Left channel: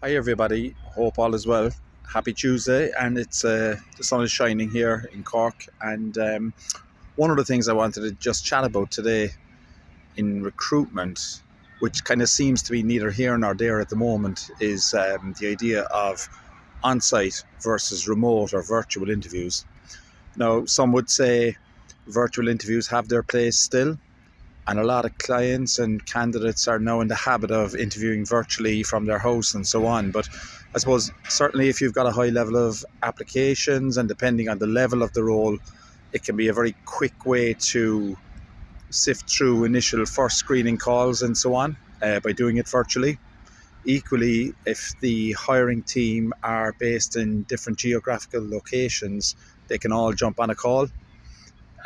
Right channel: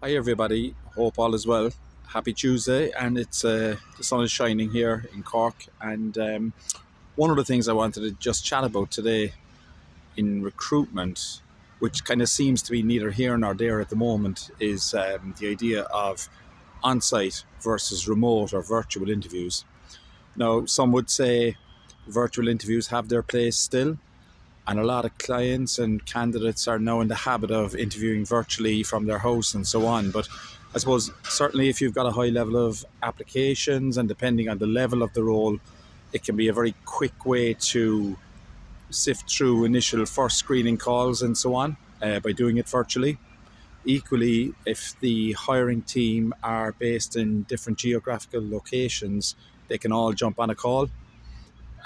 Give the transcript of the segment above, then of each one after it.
Hi everybody, hope all is well. Happy Tuesday, and it's the sun is shining here in Cork. And one of the things I wanted to just chat about today in recruitment, which kind of seems to be neither here nor there at the moment, is the idea of on-site versus remote or virtual interviews. Now, some would say virtual interviews have their place still, and a lot of clients and candidates are now in the habit of interviewing virtually from their house and so on. But I suppose certainly if you've got a high level of applications and depending on the level of the role, it can be a very quick way to sift through initial first screening calls and so on by doing it virtually. Equally, if the hiring team are based in different geographical locations, they can all jump on a call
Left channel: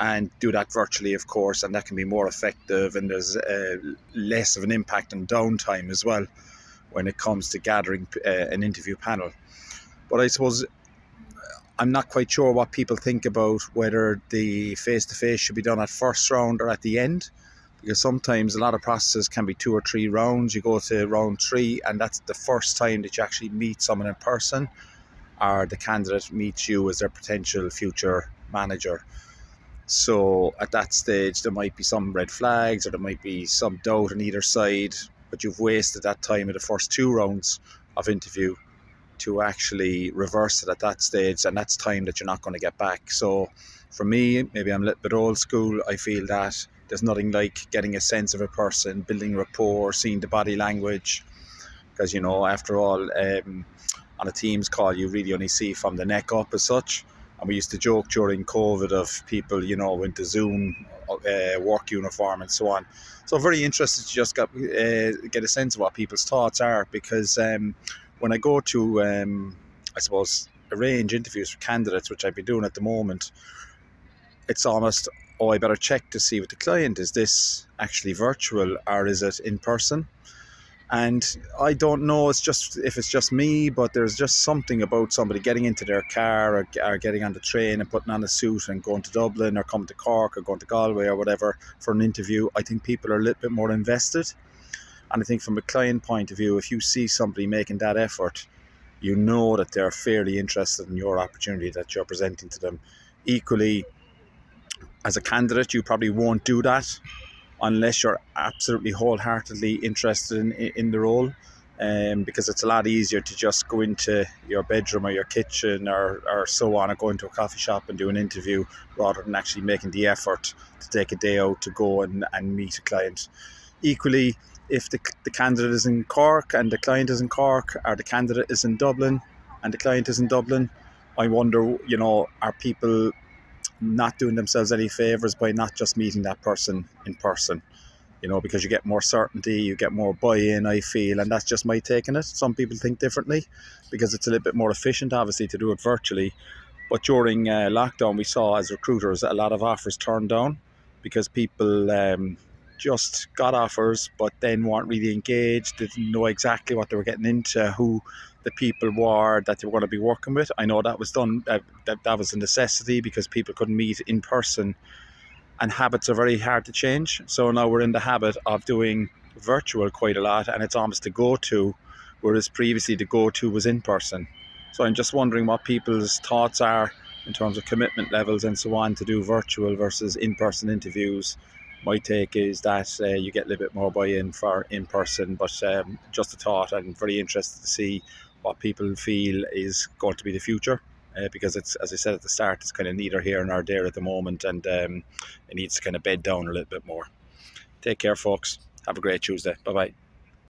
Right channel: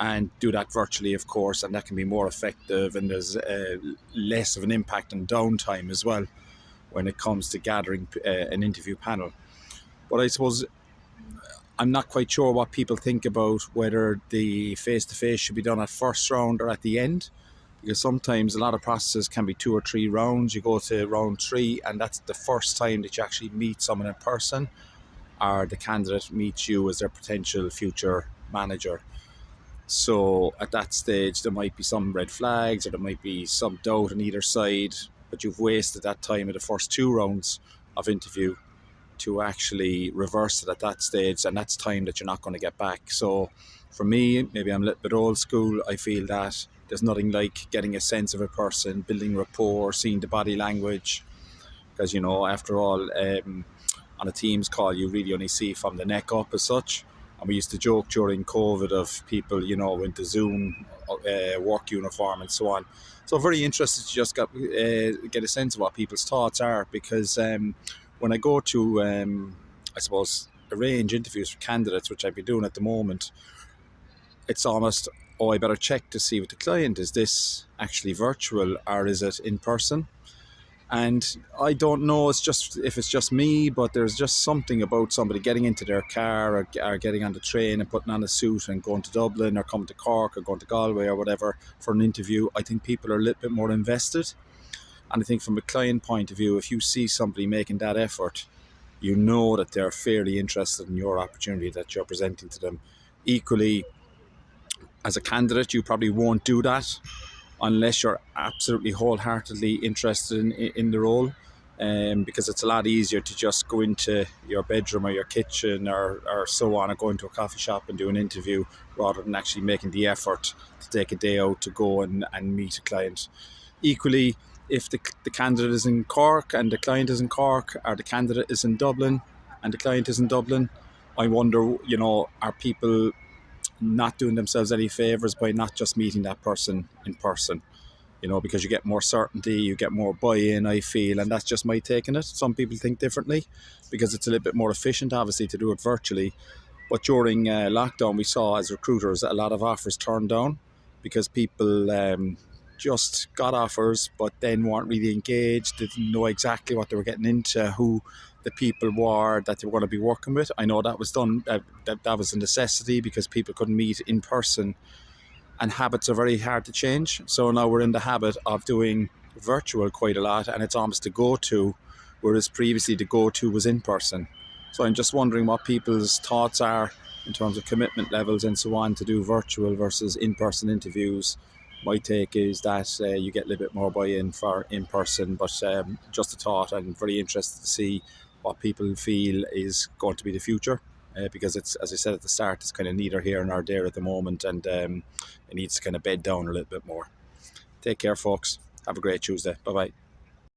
and do that virtually, of course, and that can be more effective, and there's less of an impact on downtime as well when it comes to gathering an interview panel. But I suppose I'm not quite sure what people think about whether the face-to-face should be done at first round or at the end, because sometimes a lot of processes can be 2 or 3 rounds. You go to round 3 and that's the first time that you actually meet someone in person, or the candidate meets you as their potential future manager. So at that stage, there might be some red flags or there might be some doubt on either side, but you've wasted that time in the first 2 rounds of interview to actually reverse it at that stage, and that's time that you're not going to get back. So for me, maybe I'm a little bit old school, I feel that there's nothing like getting a sense of a person, building rapport, seeing the body language, because after all, on a Teams call you really only see from the neck up as such. And we used to joke during COVID of people, into Zoom work uniform and so on. So I'm very interested to just get a sense of what people's thoughts are, because when I go to, I suppose, arrange interviews for candidates, which I've been doing at the moment, it's almost, oh, I better check to see with the client, is this actually virtual or is it in person? And I don't know, if it's just me, but there's just something about somebody getting into their car or getting on the train and putting on a suit and going to Dublin or coming to Cork or going to Galway or whatever for an interview. I think people are a little bit more invested. And I think from a client point of view, if you see somebody making that effort, you know that they're fairly interested in your opportunity that you're presenting to them. Equally, as a candidate, you probably won't do that unless you're absolutely wholeheartedly interested in the role, because it's a lot easier to just go into your bedroom or your kitchen or so on, or go into a coffee shop and do an interview rather than actually making the effort to take a day out to go and meet a client. Equally, if the candidate is in Cork and the client is in Cork, or the candidate is in Dublin and the client is in Dublin, I wonder, are people not doing themselves any favors by not just meeting that person in person? Because you get more certainty, you get more buy-in, I feel, and that's just my take on it. Some people think differently because it's a little bit more efficient, obviously, to do it virtually. But during lockdown, we saw as recruiters a lot of offers turned down because people just got offers but then weren't really engaged, didn't know exactly what they were getting into, who the people were that they were going to be working with. I know that was done, that was a necessity because people couldn't meet in person, and habits are very hard to change. So now we're in the habit of doing virtual quite a lot, and it's almost the go-to, whereas previously the go-to was in person. So I'm just wondering what people's thoughts are in terms of commitment levels and so on to do virtual versus in-person interviews. My take is that you get a little bit more buy-in for in-person, but just a thought. I'm very interested to see what people feel is going to be the future, because it's, as I said at the start, it's kind of neither here nor there at the moment, and it needs to kind of bed down a little bit more. Take care, folks. Have a great Tuesday. Bye-bye.